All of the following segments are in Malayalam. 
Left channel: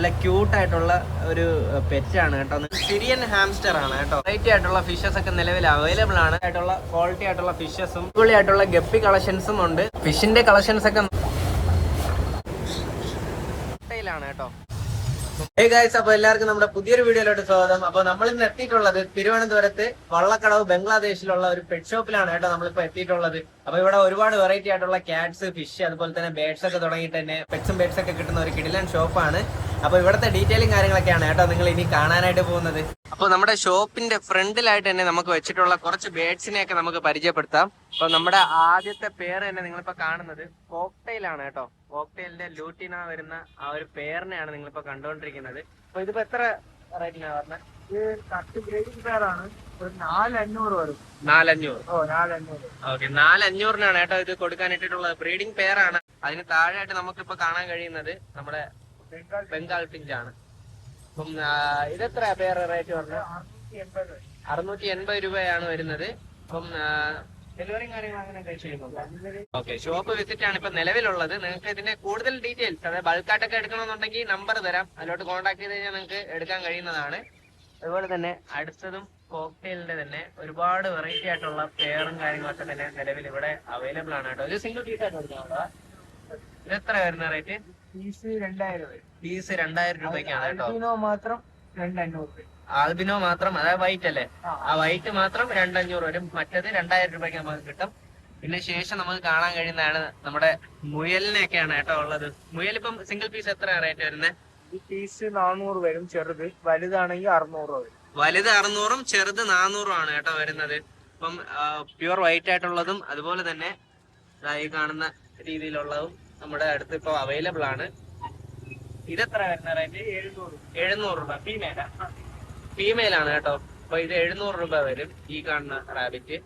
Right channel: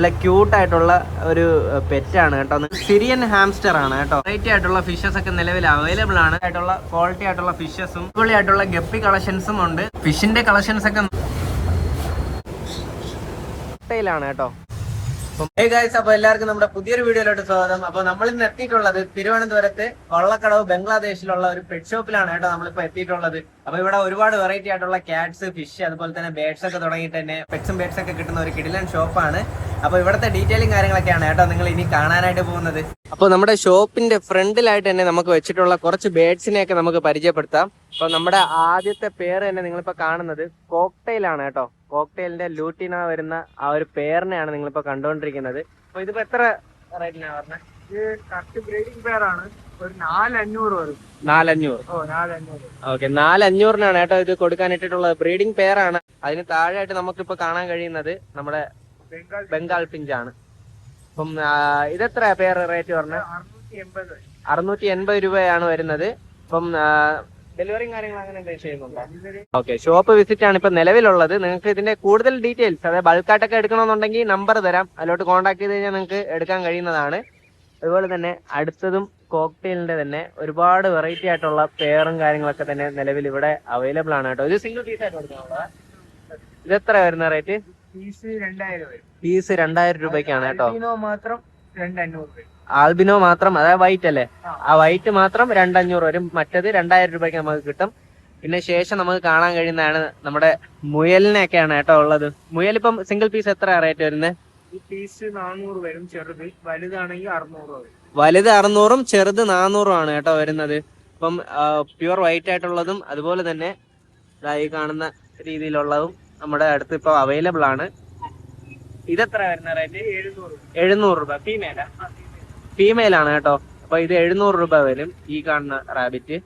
നല്ല ക്യൂട്ട് ആയിട്ടുള്ള ഒരു പെറ്റാണ് കേട്ടോ. സിറിയൻ ഹാംസ്റ്റർ ആണ് കേട്ടോ. വെറൈറ്റി ആയിട്ടുള്ള ഫിഷസ് ഒക്കെ നിലവിൽ അവൈലബിൾ ആണ്. ആയിട്ടുള്ള ക്വാളിറ്റി ആയിട്ടുള്ള ഫിഷസും അടിപൊളി ആയിട്ടുള്ള ഗപ്പി കളക്ഷൻസും ഉണ്ട്. ഫിഷിന്റെ കളക്ഷൻസ് ഒക്കെ ാണ് കേട്ടോ. അപ്പൊ എല്ലാവർക്കും നമ്മുടെ പുതിയൊരു വീഡിയോയിലോട്ട് സ്വാഗതം. അപ്പൊ നമ്മൾ ഇന്ന് എത്തിയിട്ടുള്ളത് തിരുവനന്തപുരത്ത് വള്ളക്കടവ് ബംഗ്ലാദേശിലുള്ള ഒരു പെറ്റ് ഷോപ്പിലാണ് കേട്ടോ നമ്മളിപ്പോ എത്തിയിട്ടുള്ളത്. അപ്പൊ ഇവിടെ ഒരുപാട് വെറൈറ്റി ആയിട്ടുള്ള ക്യാറ്റ്സ്, ഫിഷ്, അതുപോലെ തന്നെ ബേഡ്സ് ഒക്കെ തുടങ്ങിയിട്ട് തന്നെ പെറ്റ്സും ബേഡ്സ് ഒക്കെ കിട്ടുന്ന ഒരു കിടിലൻ ഷോപ്പാണ്. അപ്പൊ ഇവിടുത്തെ ഡീറ്റെയിലും കാര്യങ്ങളൊക്കെയാണ് കേട്ടോ നിങ്ങൾ ഇനി കാണാനായിട്ട് പോകുന്നത്. അപ്പൊ നമ്മുടെ ഷോപ്പിന്റെ ഫ്രണ്ടിലായിട്ട് തന്നെ നമുക്ക് വെച്ചിട്ടുള്ള കുറച്ച് ബേഡ്സിനെയൊക്കെ നമുക്ക് പരിചയപ്പെടുത്താം. അപ്പൊ നമ്മുടെ ആദ്യത്തെ പേര് തന്നെ നിങ്ങളിപ്പോ കാണുന്നത് കോക്ടെയിൽ ആണ് കേട്ടോ. കോക്ടെയിലിന്റെ ലൂട്ടിന വരുന്ന ആ ഒരു പേരിനെയാണ് നിങ്ങളിപ്പോ കണ്ടുകൊണ്ടിരിക്കുന്നത്. അപ്പൊ ഇതിപ്പോ എത്ര റേറ്റിനാ പറഞ്ഞത്? ഇത് കറക്റ്റ് ബ്രീഡിംഗ് പെയറാണ്. ഒരു 4,500 വരും. 4,500. ഓ 4,500. ഓക്കെ, 4,500 കേട്ടോ ഇത് കൊടുക്കാൻ ഇട്ടിട്ടുള്ളത്. ബ്രീഡിംഗ് പെയറാണ്. അതിന് താഴെയായിട്ട് നമുക്കിപ്പോ കാണാൻ കഴിയുന്നത് നമ്മുടെ ബംഗാൾ പിഞ്ചാണ്. അപ്പം ഇതെത്ര പേർ റേറ്റ് പറഞ്ഞത്? 680 രൂപയാണ് വരുന്നത്. അപ്പം ഡെലിവറിയും കാര്യങ്ങളും അങ്ങനെ ചെയ്യുന്നുണ്ട്. ഓക്കെ, ഷോപ്പ് വിസിറ്റ് ആണ് ഇപ്പൊ നിലവിലുള്ളത്. നിങ്ങൾക്ക് ഇതിന്റെ കൂടുതൽ ഡീറ്റെയിൽസ്, അതായത് ബൾക്കായിട്ടൊക്കെ എടുക്കണമെന്നുണ്ടെങ്കിൽ നമ്പർ തരാം, അതിലോട്ട് കോൺടാക്ട് ചെയ്ത് കഴിഞ്ഞാൽ നിങ്ങൾക്ക് എടുക്കാൻ കഴിയുന്നതാണ്. അതുപോലെ തന്നെ അടുത്തതും കോക്ടെയിലിന്റെ തന്നെ ഒരുപാട് വെറൈറ്റി ആയിട്ടുള്ള പെയറും കാര്യങ്ങളൊക്കെ തന്നെ നിലവിൽ ഇവിടെ അവൈലബിൾ ആണ് കേട്ടോ. ഇത് സിംഗിൾ പീസ് ആയിട്ട് കൊടുക്കുന്നത്. ഇത് എത്ര വരുന്ന റേറ്റ്? പീസ് 2,000 വരും. പീസ് 2,000 രൂപയ്ക്കാണ് കേട്ടോ. മാത്രം 2,500. ആൽബിനോ മാത്രം, അതായത് വൈറ്റ് അല്ലേ, ആ വൈറ്റ് മാത്രം 2,500 വരും. മറ്റത് 2,000 രൂപയ്ക്ക് നമുക്ക് കിട്ടും. പിന്നെ ശേഷം നമുക്ക് കാണാൻ കഴിയുന്നതാണ് നമ്മുടെ മുയലിനെയൊക്കെയാണ് കേട്ടോ ഉള്ളത്. മുയൽ ഇപ്പം സിംഗിൾ പീസ് എത്ര റേറ്റ് വരുന്നത്? ഈ പീസ് 400 വരും ചെറുത്. വലുതാണെങ്കിൽ 600 വരും. വലുത് 600ഉം ചെറുത് 400ഉം ആണ് കേട്ടോ വരുന്നത്. ഇപ്പം പ്യുവർ വൈറ്റ് ആയിട്ടുള്ളതും അതുപോലെ തന്നെ ഈ കാണുന്ന രീതിയിലുള്ളതും നമ്മുടെ അടുത്ത് ഇപ്പൊ അവൈലബിൾ ആണ്. ഇതെത്ര വരുന്ന റേറ്റ്? 700 രൂപ. ഫീമെയിൽ ആണ് കേട്ടോ. അപ്പൊ ഇത് 700 രൂപ വരും ഈ കാണുന്ന റാബിറ്റ്.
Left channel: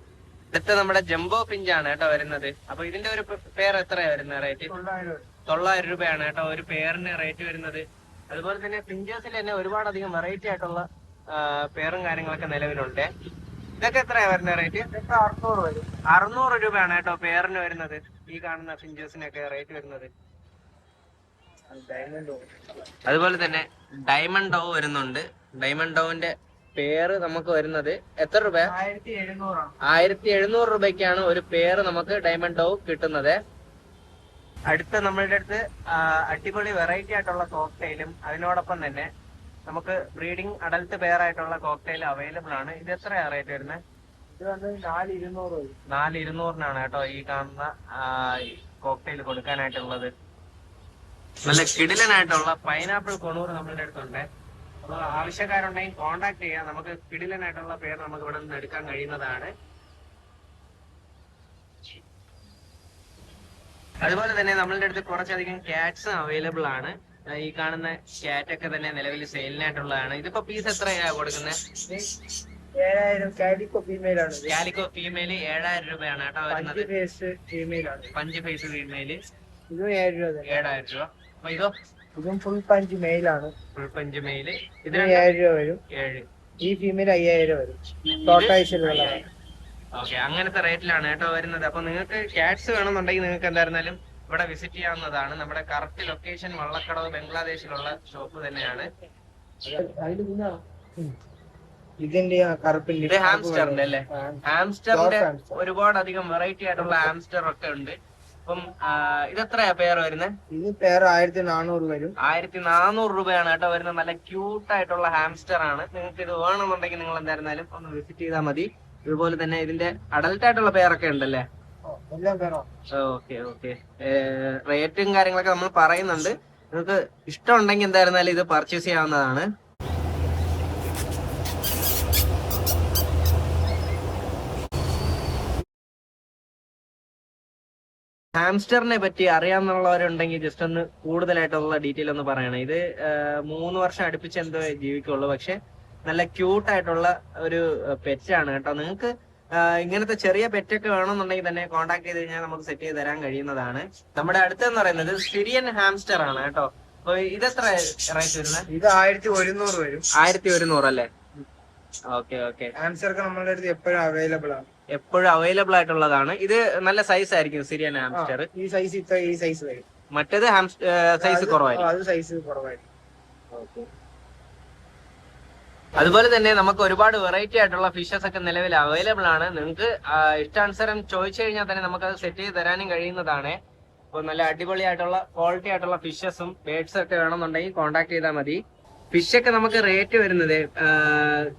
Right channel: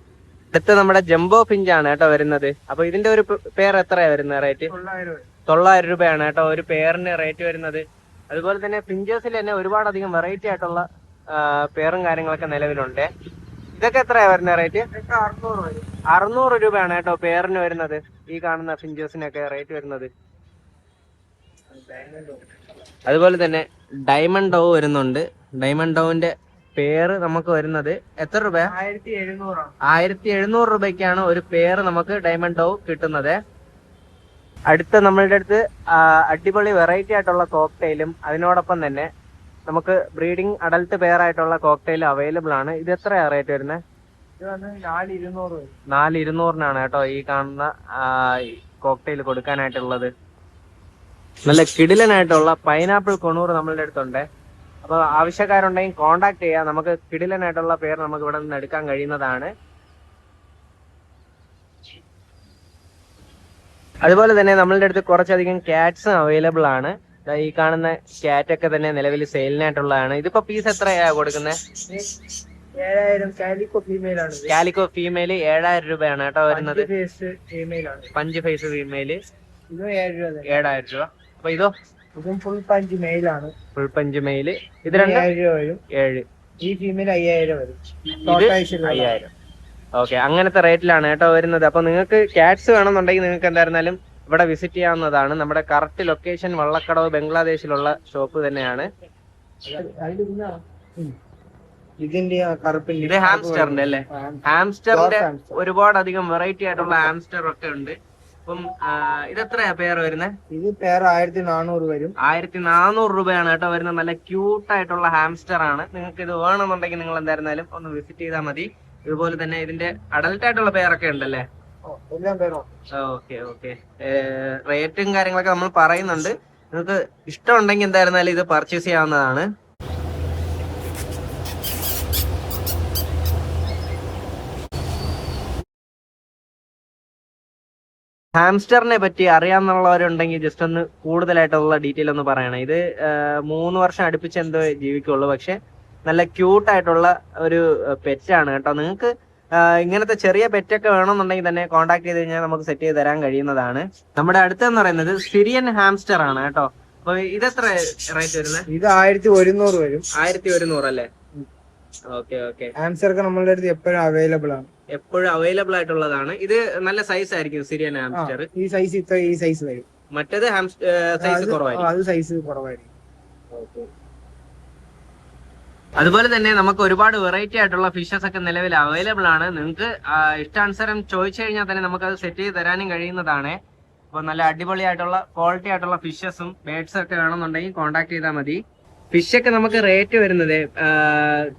അടുത്ത് നമ്മുടെ ജംബോ ഫിഞ്ച് ആണ് കേട്ടോ വരുന്നത്. അപ്പൊ ഇതിന്റെ ഒരു പേർ എത്രയാ വരുന്ന റേറ്റ്? 900 രൂപയാണ് കേട്ടോ ഒരു പേരിന് റേറ്റ് വരുന്നത്. അതുപോലെ തന്നെ ഫിഞ്ചേഴ്സിൽ തന്നെ ഒരുപാട് അധികം വെറൈറ്റി ആയിട്ടുള്ള പേറും കാര്യങ്ങളൊക്കെ നിലവിലുണ്ട്. ഇതൊക്കെ എത്രയാ വരുന്ന റേറ്റ്? 600 വരും. 600 രൂപയാണ് കേട്ടോ പേരിന് വരുന്നത്. ഈ കാണുന്ന ഫിഞ്ചേഴ്സിനൊക്കെ റേറ്റ് വരുന്നത്. അതുപോലെ തന്നെ ഡയമണ്ട് ഡോവ് വരുന്നുണ്ട്. ഡയമണ്ട് ഡോവിന്റെ പേര് നമുക്ക് വരുന്നത് എത്ര രൂപ? 1,700 രൂപയ്ക്കാണ് ഒരു പേര് നമുക്ക് ഡയമണ്ട് ഡോവ് കിട്ടുന്നത്. അടുത്ത നമ്മളുടെ അടുത്ത് അടിപൊളി വെറൈറ്റി ആയിട്ടുള്ള കോക്ടെയിലും അതിനോടൊപ്പം തന്നെ നമുക്ക് ബ്രീഡിംഗ് അഡൽട്ട് പെയർ ആയിട്ടുള്ള കോക്ടെയിൽ അവൈലബിൾ ആണ്. ഇത് എത്രയാ റേറ്റ് വരുന്നത്? 4,200 കേട്ടോ ഈ കാണുന്ന കോക്ടെയിൽ കൊടുക്കാനായിട്ടുള്ളത്. നല്ല കിടിലനായിട്ടുള്ള പൈനാപ്പിൾ കൊണൂർ നമ്മളുടെ അടുത്തുണ്ട്. അപ്പൊ ആവശ്യക്കാരുണ്ടെങ്കിൽ കോണ്ടാക്ട് ചെയ്യാം. നമുക്ക് കിടിലനായിട്ടുള്ള പേര് നമുക്ക് ഇവിടെ നിന്ന് എടുക്കാൻ കഴിയുന്നതാണ്. അതുപോലെ തന്നെ നമ്മളുടെ അടുത്ത് കുറച്ചധികം ക്യാറ്റ്സും അവൈലബിൾ ആണ്. ഈ കാണുന്ന ക്യാറ്റ് ഒക്കെ തന്നെ നിലവിൽ സെയിലിനായിട്ടുള്ളതാണ്. ഇതിപ്പോ പീസ് എത്രയാ കൊടുക്കുന്നത്? 7,000. കാലിക്കോ ഫീമെയിൽ 7,000 രൂപയാണ് കേട്ടോ വരുന്നത്. പഞ്ച് ഫേസ് ഫീമെയില് 7,000 രൂപ. അപ്പൊ ഇതോ? ഫുൾ പഞ്ച് മെയിലാണ്. Full punch mail. ഇത് 7,000. ഈ ഫീമെയിൽ 5,000 വരും. ഇത് 5,000. ഓക്കെ, അങ്ങനത്തെ റേറ്റിലാണ് കേട്ടോ വരുന്നത്. അപ്പൊ നിങ്ങൾക്ക് ക്യാറ്റ്സ് വേണമെന്നുണ്ടെങ്കിൽ നിങ്ങൾക്ക് എന്തായിരുന്നാലും ഇവിടെ വിസിറ്റ് ചെയ്യാവുന്നതാണ്. നമ്മുടെ കറക്റ്റ് ലൊക്കേഷൻ വള്ളക്കടവ് ബംഗ്ലാദേശിലുള്ള ഷോപ്പ് തന്നെയാണ്. ഇതിന്റെ ഇത് ഹാംസ്റ്ററിന്റെ അല്ലേ? ഹാംസ്റ്ററിന്റെ ഒരുപാട് അധികം വെറൈറ്റി ആയിട്ടുള്ള ഹാംസ്റ്റർ ഒക്കെ ഉണ്ട്. അപ്പം ഇതെത്രയാ പേർ വരുന്നത്? ഇത് പേർ 1,400 വരും. 1,400 രൂപയാണ് കേട്ടോ വരുന്നത്. നല്ല ക്യൂട്ട് ആയിട്ടുള്ള ഹാംസ്റ്റർ ആണ്. നിങ്ങൾക്ക് ഇത് വേണമെന്നുണ്ടെങ്കിൽ നിങ്ങൾ എന്തായിരുന്നാലും ഒന്ന് വിസിറ്റ് ചെയ്താൽ മതി. ഇതുപോലെ തന്നെ ഇതിന്റെ അഡൽട്ട് ആയിട്ടുള്ള പേരൊക്കെ ഉണ്ടല്ലേ? Okay okay. റേറ്റും കാര്യങ്ങളൊക്കെ നമ്മൾ പറയുന്നുണ്ട്. നിങ്ങൾക്ക് ഇഷ്ടമുണ്ടെങ്കിൽ എന്തായിരുന്നാലും ഇത് പർച്ചേസ് ചെയ്യാവുന്നതാണ്. ഹാംസ്റ്ററിനെ പറ്റി അറിയാവുന്നവരുണ്ടെങ്കിൽ ജസ്റ്റ് ഒന്ന് കൂടുതലായിട്ടുള്ള ഡീറ്റെയിൽ ഒന്ന് പറയണം. ഇത് 3 വർഷം അടുപ്പിച്ച് എന്തോ ജീവിക്കുള്ളൂ. പക്ഷെ നല്ല ക്യൂട്ട് ആയിട്ടുള്ള ഒരു പെറ്റാണ് കേട്ടോ. നിങ്ങൾക്ക് ഇങ്ങനത്തെ ചെറിയ പെറ്റൊക്കെ വേണമെന്നുണ്ടെങ്കിൽ തന്നെ കോൺടാക്ട് ചെയ്ത് കഴിഞ്ഞാൽ നമുക്ക് സെറ്റ് ചെയ്ത് തരാൻ കഴിയുന്നതാണ്. നമ്മുടെ അടുത്തെന്ന് പറയുന്നത് സിറിയൻ ഹാംസ്റ്റർ ആണ് കേട്ടോ. അപ്പൊ ഇതെത്ര റേറ്റ് വരുന്നത്? ഇത് 1,100 വരും. 1,100 അല്ലേ? Okay okay. ഹാംസ്റ്റർ നമ്മളുടെ അടുത്ത് എപ്പോഴും അവൈലബിൾ ആണ്. എപ്പോഴും അവൈലബിൾ ആയിട്ടുള്ളതാണ്. ഇത് നല്ല സൈസ് ആയിരിക്കും സിറിയൻ ഹാംസ്റ്റർ. ഈ സൈസ് വരും. മറ്റേത് സൈസ് കുറവായിരിക്കും. അത് സൈസ് കുറവായിരിക്കും. അതുപോലെ തന്നെ നമുക്ക് ഒരുപാട് വെറൈറ്റി ആയിട്ടുള്ള ഫിഷസ് ഒക്കെ നിലവിൽ അവൈലബിൾ ആണ്. നിങ്ങൾക്ക് ഇഷ്ടാനുസരം ചോദിച്ചു കഴിഞ്ഞാൽ തന്നെ നമുക്ക് അത് സെറ്റ് ചെയ്ത് തരാനും കഴിയുന്നതാണ്. അപ്പോൾ നല്ല അടിപൊളിയായിട്ടുള്ള ക്വാളിറ്റി ആയിട്ടുള്ള ഫിഷസും ബേഡ്സും ഒക്കെ വേണമെന്നുണ്ടെങ്കിൽ കോൺടാക്ട് ചെയ്താൽ മതി. ഫിഷ് ഒക്കെ നമുക്ക് റേറ്റ് വരുന്നത്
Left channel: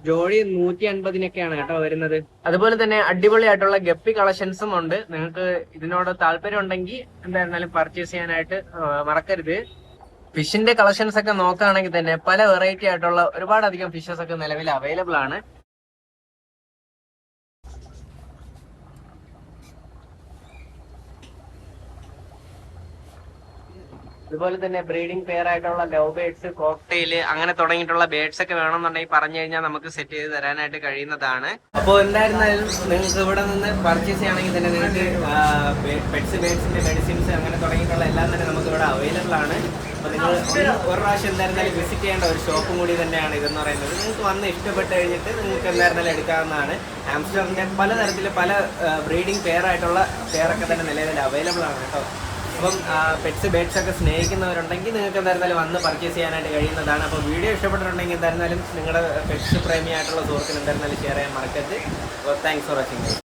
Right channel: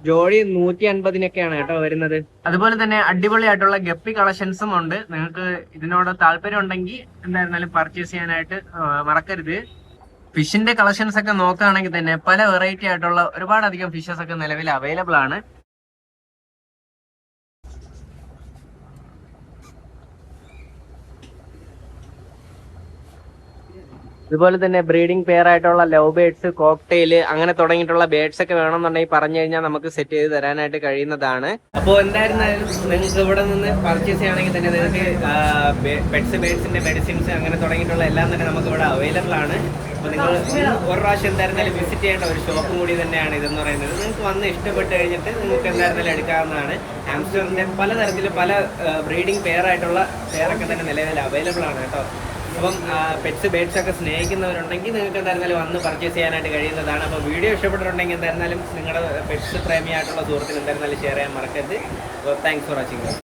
ജോഡി 150-നൊക്കെയാണ് കേട്ടോ വരുന്നത്. അതുപോലെ തന്നെ അടിപൊളിയായിട്ടുള്ള ഗപ്പി കളക്ഷൻസും ഉണ്ട്. നിങ്ങൾക്ക് ഇതിനോട് താല്പര്യം ഉണ്ടെങ്കിൽ എന്തായിരുന്നാലും പർച്ചേസ് ചെയ്യാനായിട്ട് മറക്കരുത്. ഫിഷിന്റെ കളക്ഷൻസ് ഒക്കെ നോക്കുകയാണെങ്കിൽ തന്നെ പല വെറൈറ്റി ആയിട്ടുള്ള ഒരുപാടധികം ഫിഷസ് ഒക്കെ നിലവിൽ അവൈലബിൾ ആണ്. അതുപോലെ തന്നെ ബ്രീഡിംഗ് പെയർ ആയിട്ടുള്ള ലവ് ബേഡ്സ്, കോക്ടെയില് അങ്ങനെ തുടങ്ങിയിട്ടുള്ള ബേഡ്സ് ഒക്കെ വേണമെന്നുണ്ടെങ്കിൽ പറഞ്ഞു കഴിഞ്ഞാൽ നമുക്ക് സെറ്റ് ചെയ്ത് തരാനായിട്ട് കഴിയുന്നതാണ്. അപ്പോൾ എന്തായിരുന്നാലും നിങ്ങൾക്ക് ഇവിടെ നിന്ന് പർച്ചേസ് ചെയ്യണമെങ്കിൽ തന്നെ നിങ്ങൾക്ക് പെറ്റ്സ് ബേഡ്സിന്റെ മെഡിസിൻസ് അങ്ങനെ തുടങ്ങിയിട്ടുള്ള എല്ലാം തന്നെ നമുക്ക് ഇവിടെ അവൈലബിൾ ആണ്. അപ്പോൾ നിങ്ങൾ ഒരു പ്രാവശ്യം എന്തായിരുന്നാലും വിസിറ്റ് ചെയ്യേണ്ട ഒരു ഷോപ്പും കൂടി തന്നെയാണ് ഇതെന്ന് പറയുന്നത്. നിങ്ങൾക്ക് വന്ന് ഇഷ്ടപ്പെട്ട് കഴിഞ്ഞിട്ട് നിങ്ങൾക്ക് എന്തായിരുന്നാലും എടുക്കാവുന്നതാണ്. ആംസ്റ്റർഡാമിന്റെ പലതരത്തിൽ പല ബ്രീഡിംഗ് പെയർ ആയിട്ടുള്ള പെയറൊക്കെ തന്നെ നിലവിൽ അവൈലബിൾ ആണ് കേട്ടോ. അപ്പം പെറ്റ്സ് ബേഡ്സ് ഒക്കെ സ്നേഹിക്കുന്നവരുണ്ടെങ്കിൽ നിങ്ങൾക്ക് എന്തായിരുന്നാലും വന്ന് പർച്ചേസ് ചെയ്യാനായിട്ട് കഴിയുന്നതാണ്. അപ്പോൾ വീഡിയോ ഇഷ്ടപ്പെട്ടിട്ടുണ്ടെങ്കിൽ എന്തായിരുന്നാലും നിങ്ങളുടെ പെറ്റ്സ് പ്രേമിയായിട്ടുള്ള സുഹൃത്തിന് എന്തായിരുന്നാലും ഷെയർ ചെയ്യാൻ മറക്കരുത്. Thanks for watching.